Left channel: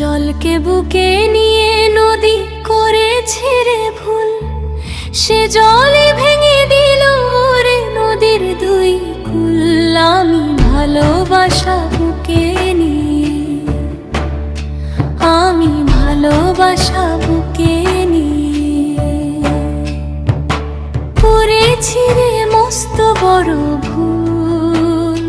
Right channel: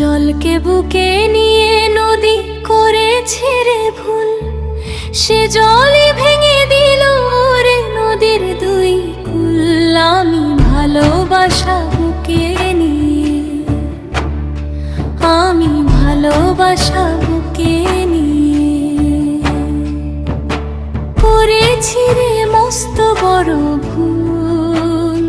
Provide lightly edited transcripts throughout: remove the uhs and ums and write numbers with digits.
জলকে বুকে নিয়ে নদী করেছে রে ভুল, সে জলই ভেঙে দিল রে নদীর দুই কুল। আমি ভালোবাসা বুকে নিয়ে, আমি ভালোবাসা বুকে নিয়ে করেছি রে মস্ত বড় ভুল।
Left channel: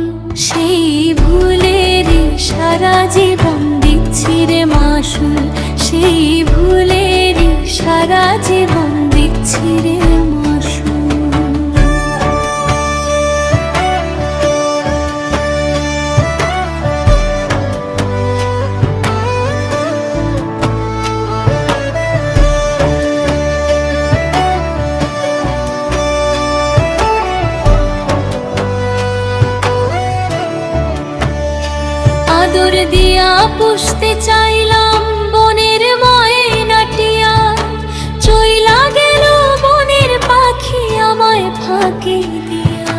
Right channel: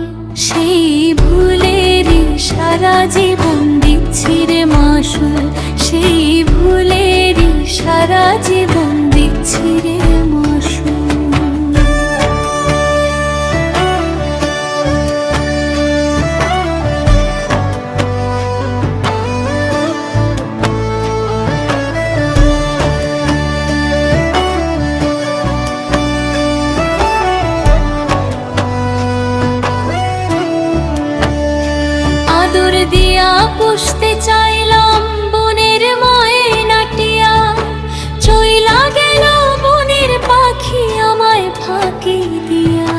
সেই ভুলেরই সারা জীবন দিচ্ছি রে মাসুল, সেই ভুলেরই সারা জীবন দিচ্ছি রে মাসুল। আদর দিয়া পুষতে চাইলাম বনের ময়নাটিয়া, চইলা গেল বনের পাখি আমায় ফাঁকি দিয়া।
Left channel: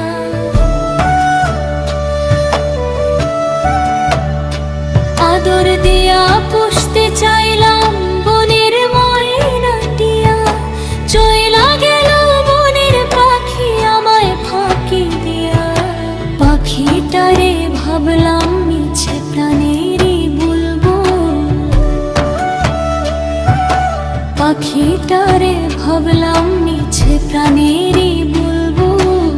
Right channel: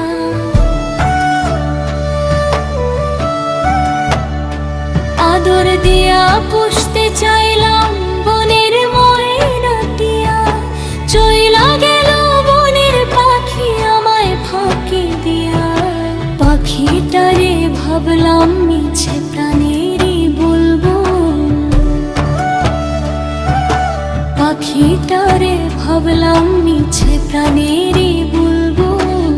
আদর দিয়া পুষতে চাইলাম বনের ময়নাটিয়া, চইলা গেল বনের পাখি আমায় ফাঁকি দিয়া। পাখিটারে ভাবলাম মিছে প্রাণেরই বুলবুল, পাখিটারে ভাবলাম মিছে প্রাণেরই বুলবুল।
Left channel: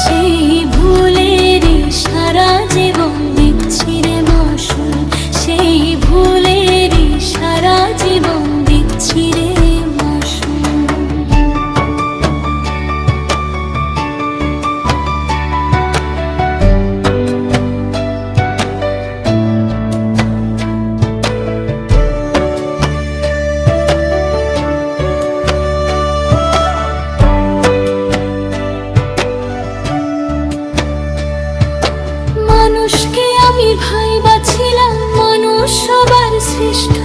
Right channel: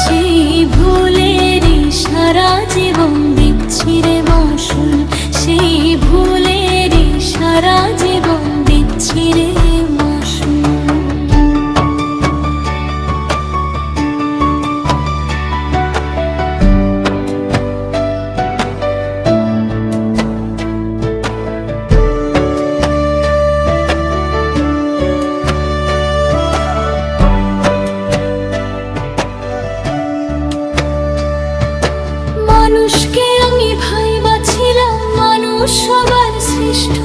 সেই ভুলেরই সারা জীবন দিচ্ছি রে মাসুল, সেই ভুলেরই সারা জীবন দিচ্ছি রে মাসুল। মানুষকে আমি ভাইবাছিলাম মানুষ সবার শ্রেষ্ঠ,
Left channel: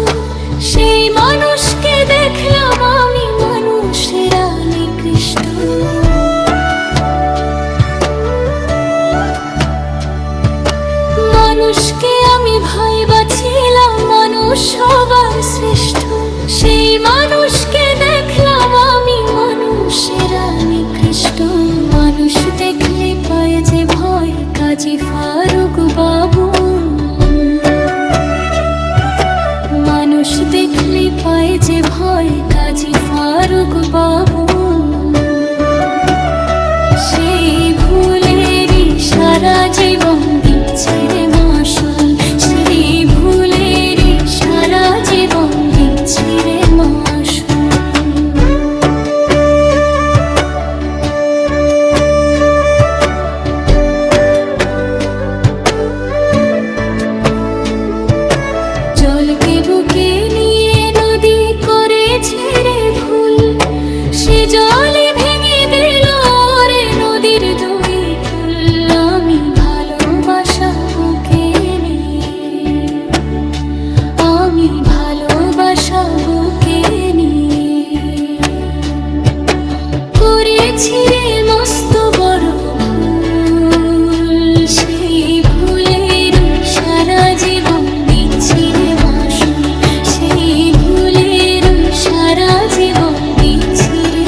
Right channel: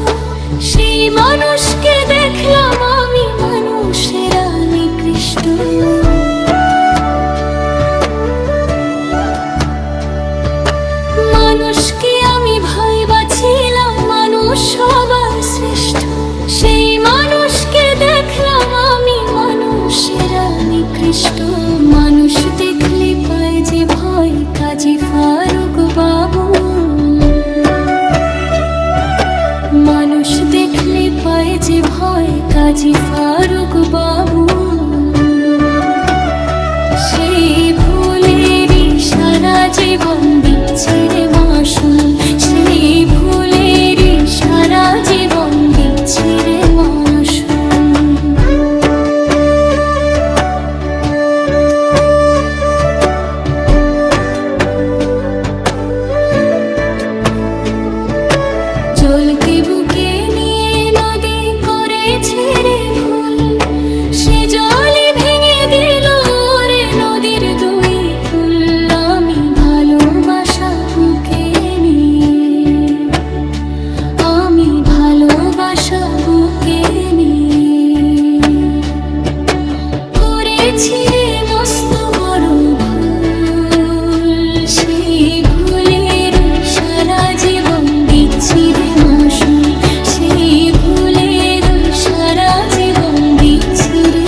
সেই মানুষকে দেখলাম আমি মানুষেরা নিকৃষ্ট। মানুষকে আমি ভাইবাছিলাম মানুষ সবার শ্রেষ্ঠ, সেই মানুষকে দেখলাম আমি মানুষেরা নিকৃষ্ট। মানুষ দেখলে পায় যে ভয় কাজী ফারুক বাবু, মানুষ দেখলে পায় যে ভয় কাজী ফারুক বাবু। সেই ভুলেরই সারা জীবন দিচ্ছি রে মাসুল, সেই ভুলেরই সারা জীবন দিচ্ছি রে মাসুল। জলকে বুকে নিয়ে নদী করেছে রে ভুল, সে জলই ভেঙে দিল রে নদীর দুই কুল। আমি ভালোবাসা বুকে নিয়ে, আমি ভালোবাসা বুকে নিয়ে করেছি রে মস্ত বড় ভুল। সেই ভুলের সারা জীবন দিচ্ছি রে মাসুল, সেই ভুলের সারা জীবন দিচ্ছি রে।